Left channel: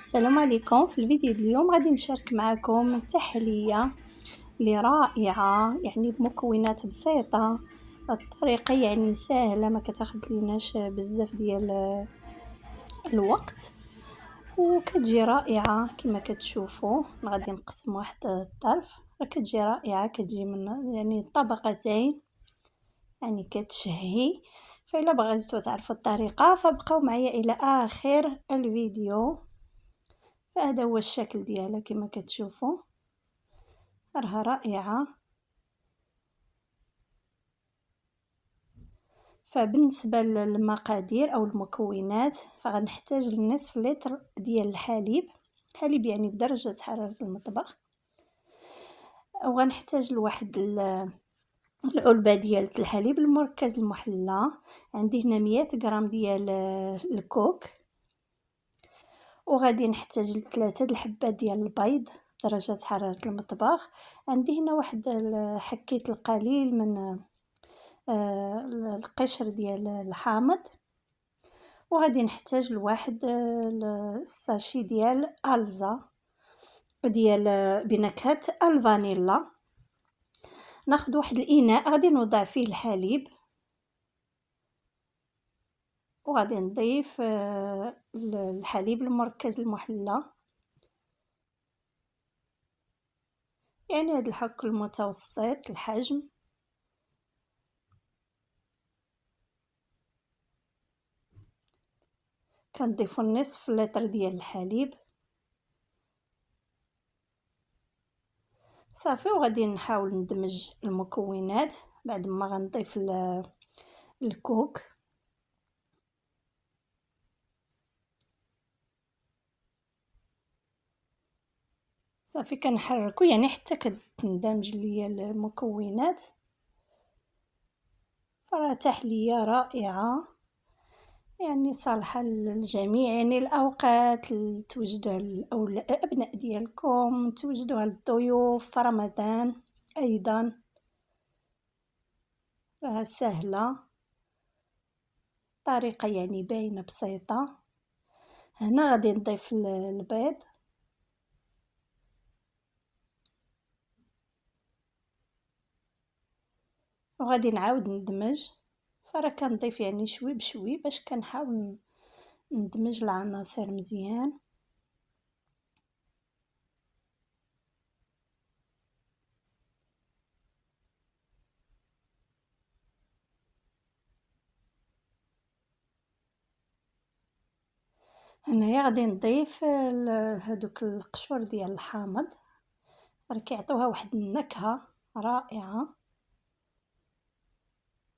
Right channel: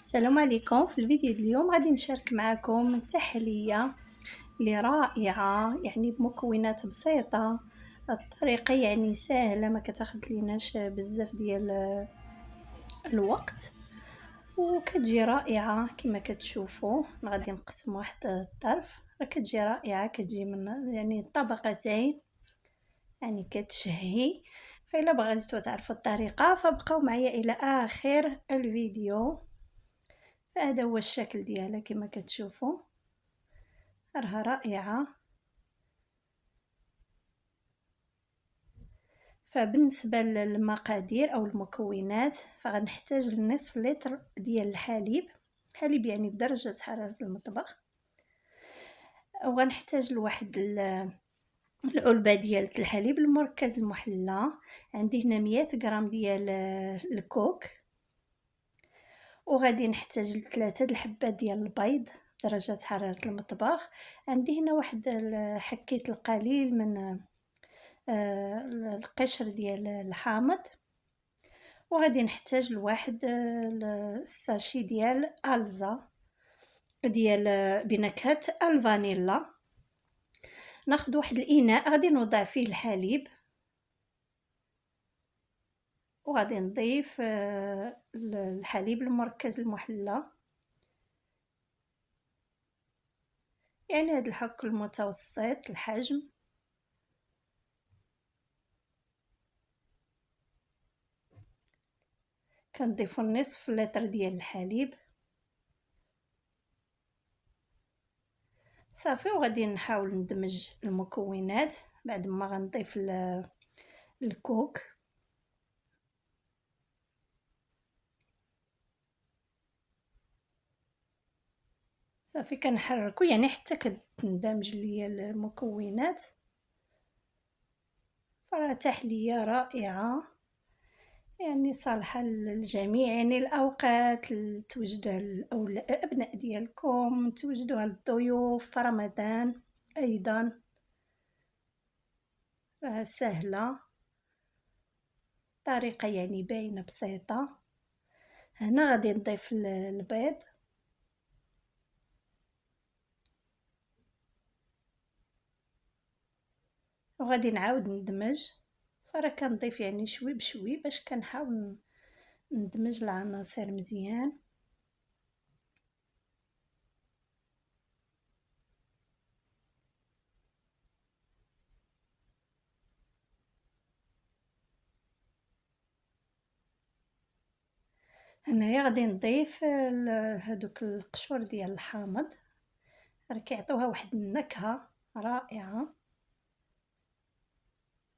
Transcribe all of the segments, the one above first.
السلام عليكم. في الفيديو اليوم غادي نشارك معكم تحلية اللي رائعة، يعني بمكونات بسيطة. الطريقة يعني سهلة، ما كتاخد ليناش بزاف ديال الوقت، وكتجي رائعة كما كتشوفوا. غادي نقسم واحد الطرف، كتجي رائعة، كتجي من يعني طبقتين، يعني كتشهي. فإلا بغيتوا تعرفوا الطريقة فبقاو معايا إلى آخر الفيديو. فهذا هو الشكل ديالها كما كتشوفوا، راها رائعة. فبالنسبة للمقادير أو المكونات فغنحتاج لنصف لتر ديال الحليب، حليب يعني بدرجة حرارة المطبخ. وغنحتاج لواحد العلبة ديال الحليب المركز المحلى. عندي هنا 100 غرام ديال الكوك. وغادي نحتاج لثلاثة الحبات ديال البيض درجة حرارة المطبخ. عندي هنا واحد حكيت القليل من القشر ديال الحامض. وغادي نحتاج لواحد الساشي ديال ألزا ديال بنكهة الفانيلا. ناخذ واحد الإناء غادي نوضع فيه الحليب، وغادي نضيف الحليب المركز المحلى، يعني هذا الحك المتوسط الحجم. كنضيفو نصف لتر ديال الحليب صافي. وغادي نحاول ندمج المكونات بعد ما غنضيف الكوك. صافي كنحركو يعني حتى كتندمج ليا المكونات. فراه تحلية رائعة، يعني صالحة للجميع، يعني الأوقات توجدوها الأبناء ديالكم، توجدوها للضيوف في رمضان أيضا. راها سهلة، طريقة يعني باينة بسيطة. هنا غادي نضيف البيض، وغادي نعاود ندمج. فراه كنضيف يعني شوي بشوي باش كنحاول ندمج العناصر مزيان. هنايا غادي نضيف هادوك القشور ديال الحامض، راه كيعطيوها واحد النكهة رائعة.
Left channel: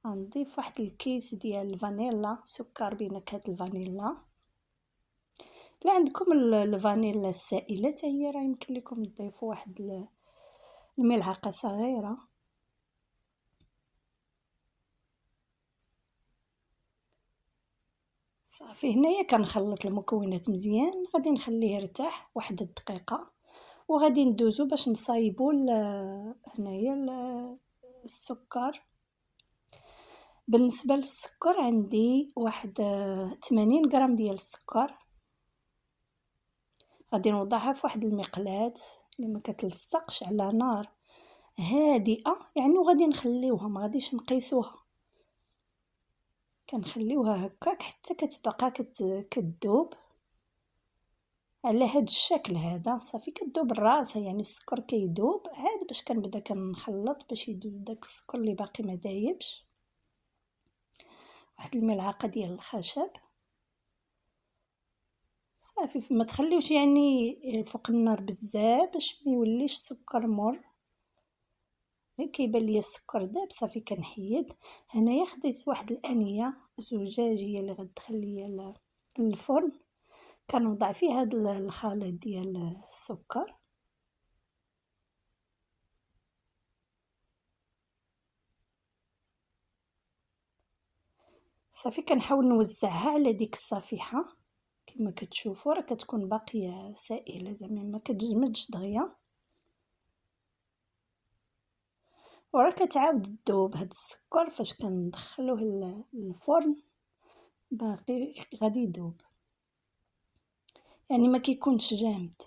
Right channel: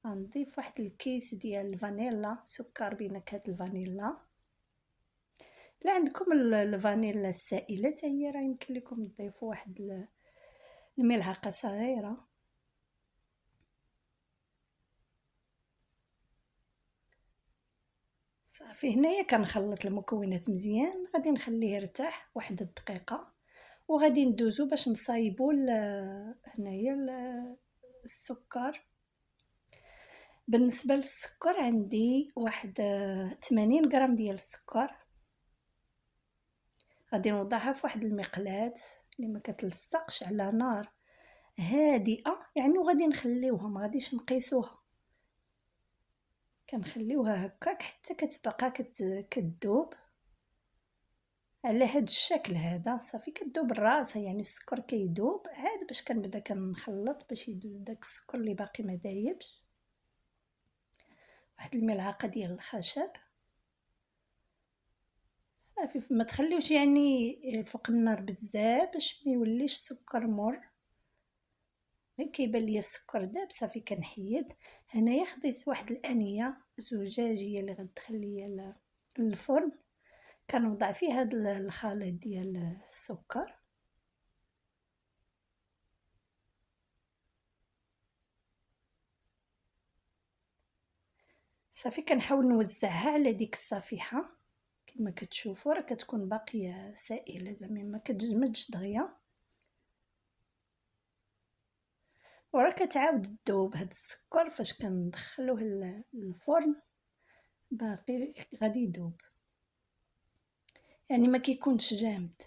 غنضيف واحد الكيس ديال الفانيلا، سكر بنكهة الفانيلا. لا عندكم الفانيلا السائلة حتى هي راه يمكن لكم تضيفوا واحد الملعقة صغيرة. صافي هنايا كنخلط المكونات مزيان، غادي نخليه يرتاح واحد الدقيقة، وغادي ندوزو باش نصايبو هنايا السكر. بالنسبة للسكر عندي واحد 80 غرام ديال السكر. غادي نوضعها في واحد المقلاة اللي ما كتلصقش على نار هادئة يعني، وغادي نخليوها ما غاديش نقيسوها، كنخليوها هكاك حتى كتبقى كتذوب على هاد الشكل هذا. صافي كتذوب راسها، يعني السكر كيذوب عاد باش كنبدا كنخلط باش يذوب داك السكر اللي باقي ما دايبش. واحد الملعقة ديال الخشب صافي. ما تخليوش يعني فوق النار بزاف باش ما يوليش السكر مر. غير كيبان ليا السكر داب صافي كنحيد. هنايا خديت واحد الانيه زجاجيه اللي غتدخل ليا للفرن، كنوضع فيه هاد الخليط ديال السكر. صافي كنحاول نوزعها على ديك الصفيحه كما كتشوفوا، راه كتكون باقيه سائله زعما ما كتجمدش دغيا، وراه كتعاود تذوب. هاد السكر فاش كندخلوه للفرن باقي غادي يذوب. يعني ما كيكونش جامد.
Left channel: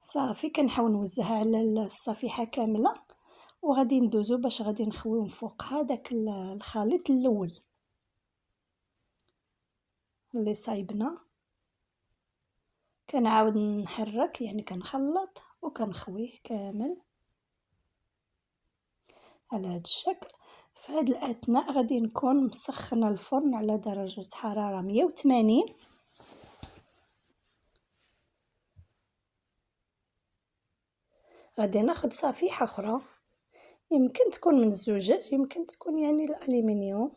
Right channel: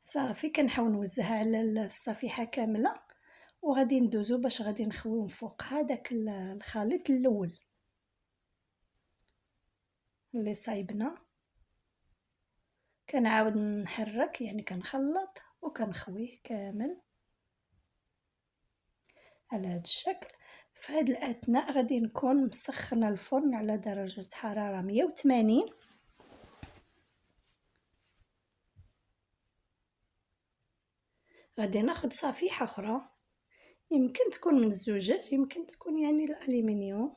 صافي كنحاول نوزعها على الصفيحة كاملة، وغادي ندوزو باش غادي نخويو من فوقها داك الخليط الاول اللي صايبنا. كنعاود نحرك، يعني كنخلط وكنخويه كامل على هاد الشكل. في هاد الاثناء غادي نكون مسخنه الفرن على درجه حراره 180. غادي ناخد صفيحه اخرى، يمكن تكون من الزجاج، يمكن تكون يعني الالومنيوم،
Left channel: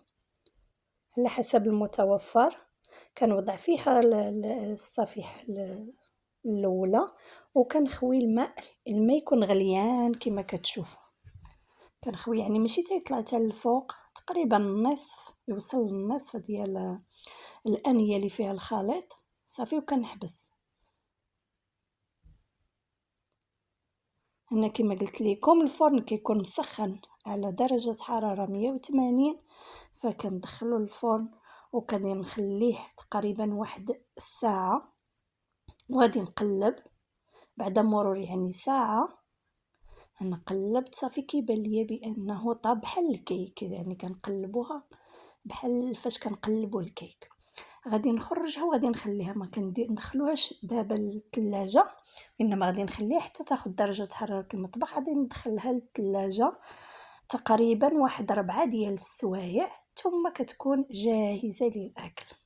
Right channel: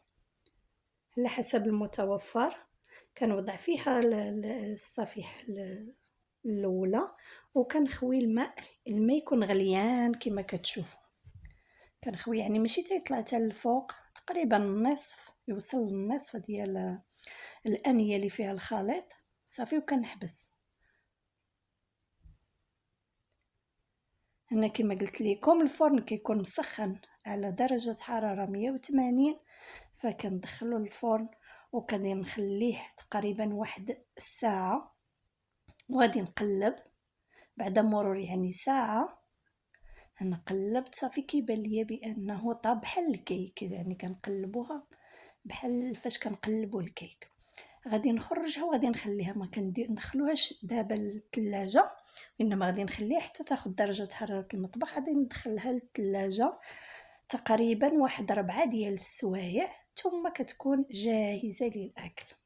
على حسب المتوفر. كنوضع فيها الصفيحه الاولى، وكنخوي الماء يكون غليان كما كتشوفوا. كنخوي يعني ماشي تيطلع حتى الفوق، تقريبا النصف، يوصل للنصف ديال الانيه اللي فيها الخليط. صافي وكنحبس. هنا كما قلت لكم الفرن كيكون مسخن على درجه حراره 180، فكندخلو الفرن وكادي نخليه تقريبا واحد الساعه، وغادي نقلب. بعد مرور يعني ساعه نقلب، صافي كيبان ليا بانه طاب بحال الكيك، يعني كنقلبوها بحال فاش كنقلبوا الكيك. غادي نخرجها وغادي نخليها، ما ندخلوهاش دابا للثلاجه، انما غادي نخليها حتى تاخذ درجه حراره المطبخ. غادي ندخلها للثلاجه تقريبا واحد 4 ديال السوايع، ثم كتكون جاهزه للاكل.